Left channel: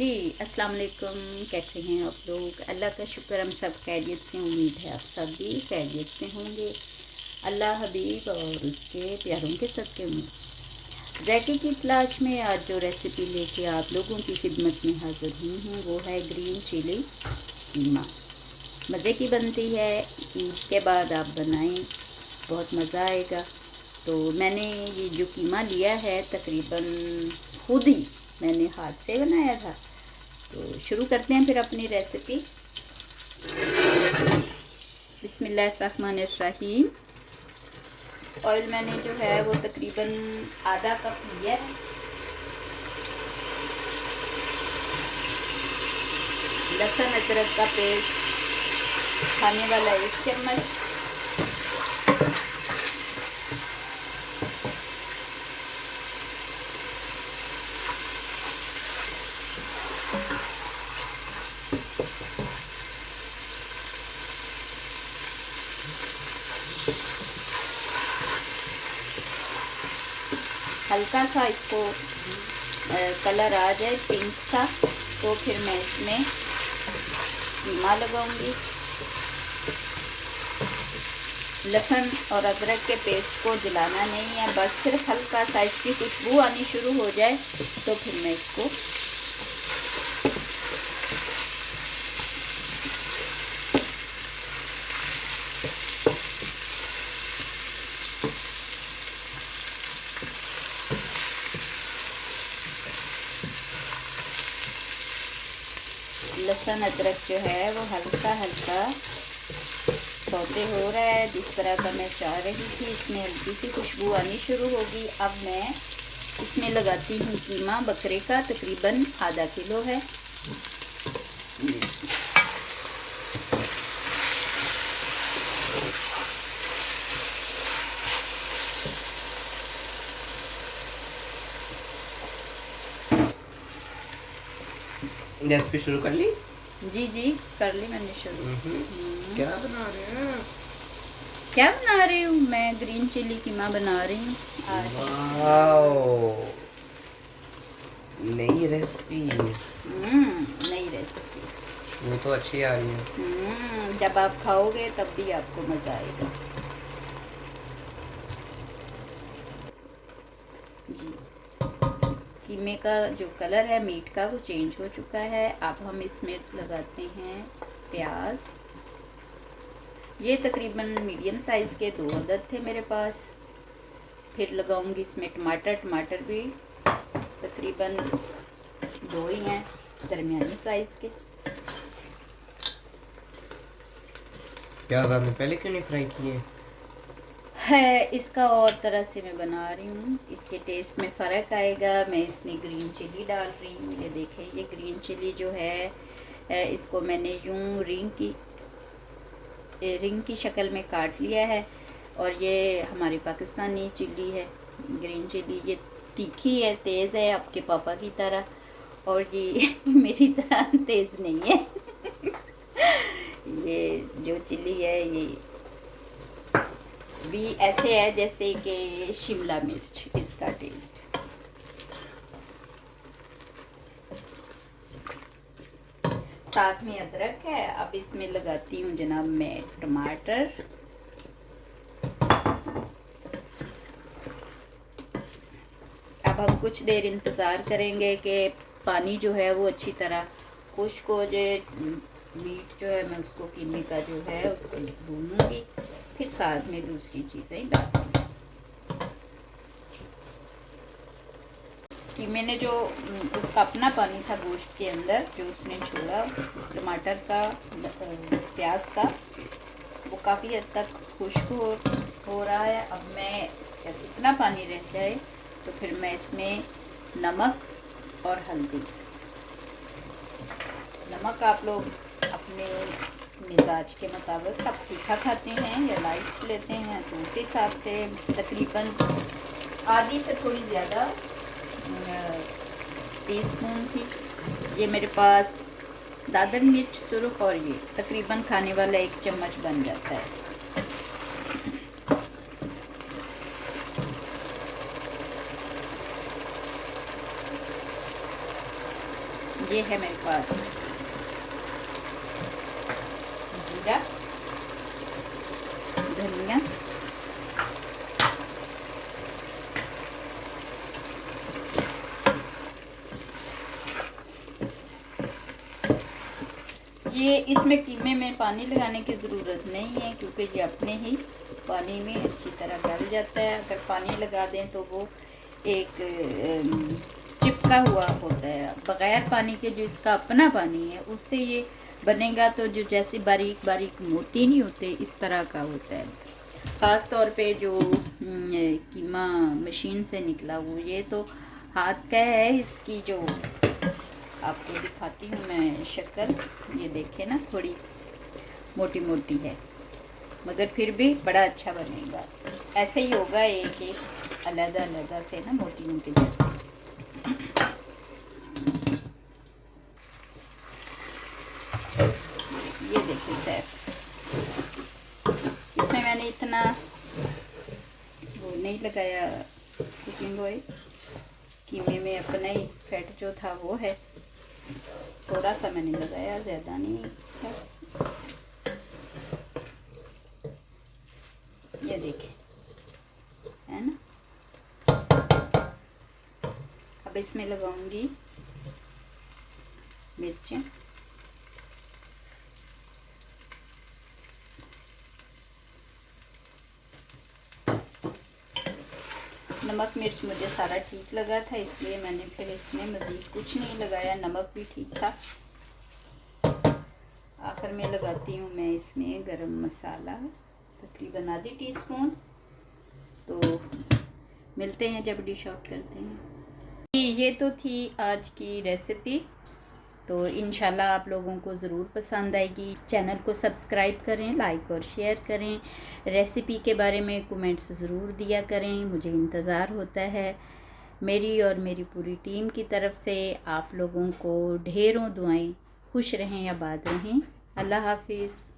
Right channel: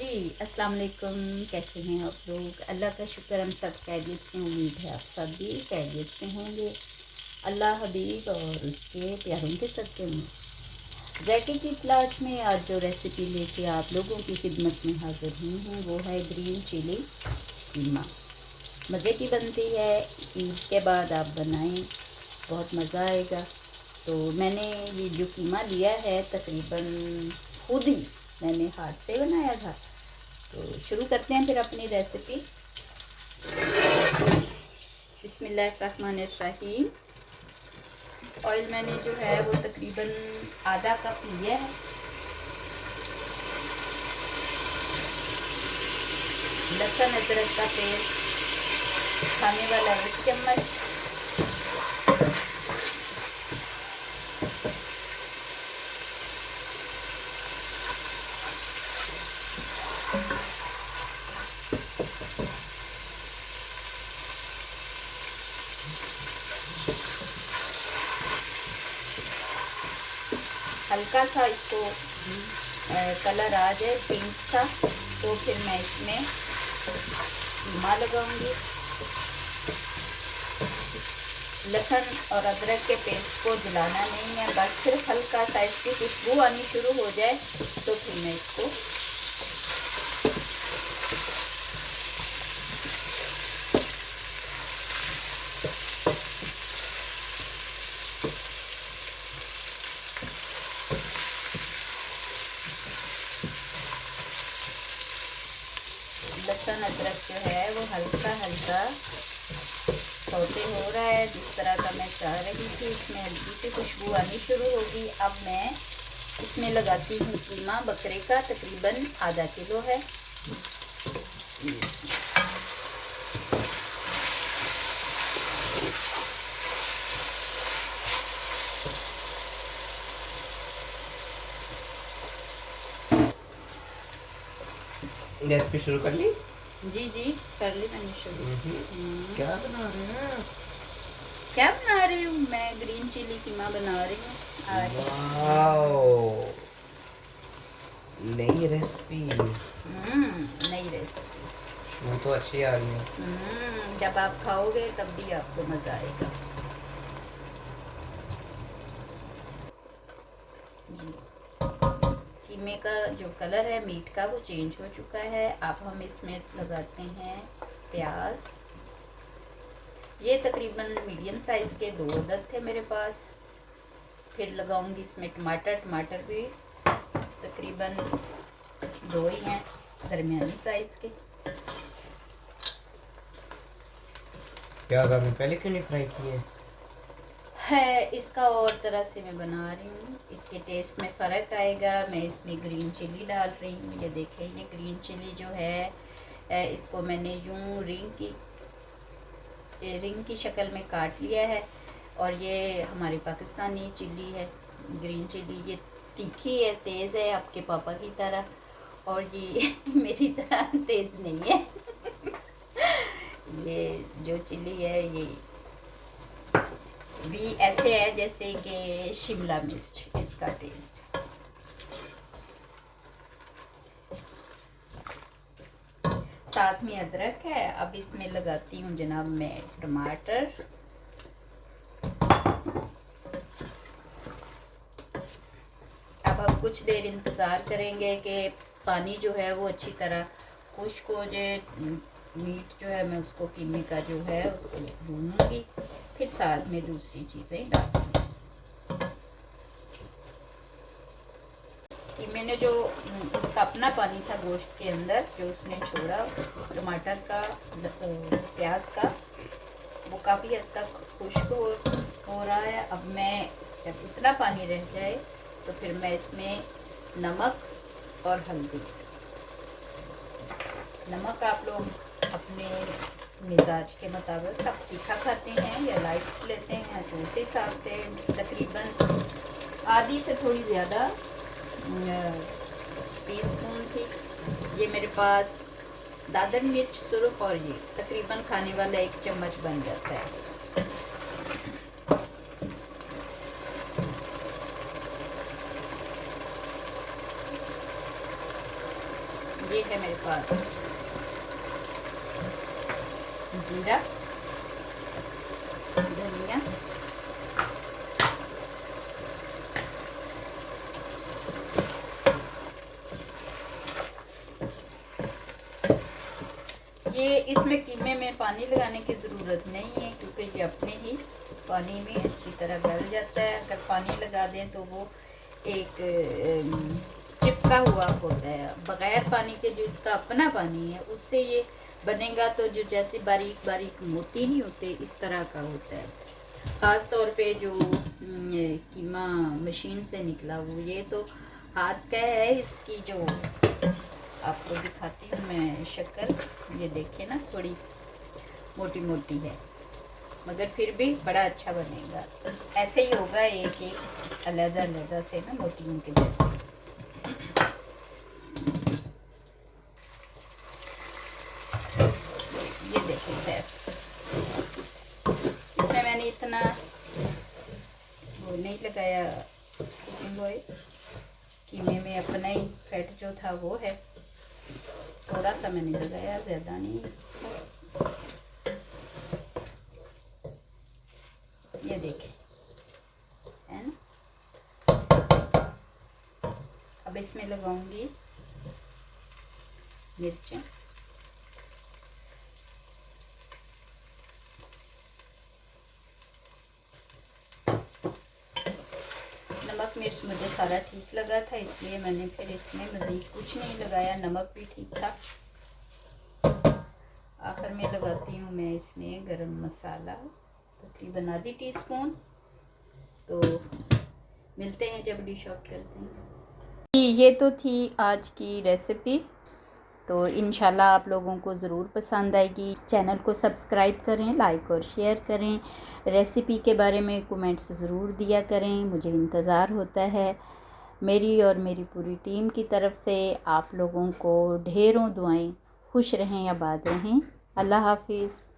जी, अस्सलाम वालेकुम। कैसे हैं आप लोग? अल्लाह का शुक्र, हम सब खैरियत से। उम्मीद है आप सब भी खैरियत से होंगे। अल्लाह हबीब और उसके प्यारों के सदक़े में ज़ायके की तलाश में आज जो रेसिपी लेके आप लोगों की खिदमत में हाज़िर हुई हूँ वो है ग्रीन चिली कीमा। मज़े की बनती है। ईद के बाद आप बनाएं, बहुत मज़ा आएगा। तो मैंने ये जो कीमा लिया है तकरीबन खुद ही मैंने हाथ से बनाया था। तो शुरू करते हैं फिर अपनी रेसिपी। बिस्मिल्लाहिर्रहमानिर्रहीम। ऑयल मैंने जो है वो तकरीबन आधा कप लिया है। लहसुन अदरक का पेस्ट खाने वाला 1 चम्मच। हल्का सा इसको कलर आ जाए पिंक सा, तो फिर मैं इसमें कीमा लगाऊंगी। लहसुन और अदरक के पेस्ट को जलाना नहीं है, बस सिर्फ हल्का सा इसकी खुशबू आनी शुरू हो जाए तो फिर मैं इसको लहसुन अदरक जो है वो हल्का हल्का सौते हो रहा है, जिस तरह का मैं चाह रही थी। इसमें हल्की सी खुशबू आनी शुरू होगी। अब मैं इसमें लगाती हूँ कीमा बकरे का, तकरीबन आधा किलो है। रेसिपी शुरू कर ली? जी जी, कर ली मैंने शुरू। क्या बना रहे हैं? क्या बना रही हूँ मैं? ग्रीन चिली कीमा बना रही हूँ आज। वाओ, नई रेसिपी। नई रेसिपी। वो तो अच्छी आ रही है। जब आप खाओगे तब भी आपको मज़ा आएगा। जी, कीमे का जो कलर है मीट का वो चेंज हो चुका है। अब हम इसमें लगाते हैं प्याज। ये तकरीबन मीडियम साइज़ के 2 अदद थे मेरे पास। फिर लगाऊंगी इसमें टमाटर भी तकरीबन 2 ही हैं, दरमियानी साइज़ के। प्याज आपने पहले क्यों नहीं फ्राई किए? है इसका और तरह से मैं बना रही हूँ, इसके टेस्ट में फ़र्क आएगा। मैं इसमें ग्रीन चिली डाल रही हूँ। ये देखिए, ये ग्रीन चिली जो है इसको मैंने यूं रिंग की शक्ल में काट लिया है। और ये हमारी पाकिस्तानी चिली है, ग्रीन चिली। ये तीखी है, तेज़ है, आपके पापा की तरह। और ये मेरी तरह तेज़ नहीं है। ये जो चिली है ये भी ऐसे है जैसे कि शिमला मिर्च, इसका टेस्ट। साथ में अदरक है। अब इसमें लगाती हूँ जनाब मैं टमाटर। अब हम कुछ देर इंतज़ार करेंगे कि पानी जो है वो अच्छी तरह खुश्क हो जाए। मीट जो है मैं उसको कीमे का जो है उसको भूनूंगी, फिर साथ में दूसरी चीज़ें डालूंगी। कीमे ने जो उसका अपना पानी था गोश्त के अंदर जो उसने छोड़ा, टमाटर का, प्याज का, वो काफ़ी हद तक खुश्क हो रहा है। अब मैं जब इतना पानी रह जाए तो फिर मैं इसमें नमक और हल्दी। नमक आप लोग अपने मिजाज के मुताबिक, आप तीखा खाते हैं या लाइट लेते हैं तो उस हिसाब से तकरीबन आधी से थोड़ी ज़्यादा टीस्पून थी। ये मेरे पास दादर मिर्च सुरख, और ये तकरीबन खाने वाला 1 चम्मच बन जाता है। ये है मेरे पास जीरा, धनिया, ये इसमें कीमे में पानी लगाने की ज़रूरत नहीं है क्योंकि ये अपने ही पानी में अच्छी तरह गल जाता है। अगर पानी लगा दें तो वो एक चिपका हुआ होता है। बग़ैर पानी के जो इसका अपना पानी है उससे ये बनेगा तो जो जैसे बारीक बारीक मोती नहीं होते इस तरह का होता है। ख़ास तौर पे जो कीमा मशीन से निकला वो ये तो हाथ का है। इसकी जो आपको दिखाती हूँ मैं शक्ल, ये देखे ना थोड़ी मोटी मोटी है मगर फिर भी बड़ा अच्छा बनेगा। ऐसे ही होगा एक एक अलग अलग से ना मोतियों के जैसे। ये देखिए सर, इसमें मैंने इतना वो नहीं लगाया कुकिंग ऑयल, कीमे में अपना ही फैट जो था वो है, थोड़ा सा मैंने लगाया, ज़्यादा नहीं। ये देखिए है ना। अब इसमें लगाऊंगी मिर्चें, नमक मिर्च मुझे सारा ठीक लगा था इसलिए मैंने फिर इसमें मज़ीद कुछ नहीं लगाया, नमक भी ठीक था। आखिर में लगाती हूँ मैं इसमें गरम मसाला, तकरीबन आधी टीस्पून। तो मिलते हैं जब डिश आउट करते हैं। ये तो थी आज की रेसिपी, तो इंशाल्लाह आप लोगों को ज़रूर पसंद आएगी। चैनल को सब्सक्राइब करें, लाइक और शेयर करें। रेसिपी के बारे में कमेंट्स ज़रूर दिया करें, मुझे इंतज़ार होता है। मेरी और मेरी पूरी टीम की तरफ से आप लोगों को ढेरों दुआएं। खुश रहें, आबाद रहें। अल्लाह हाफिज़।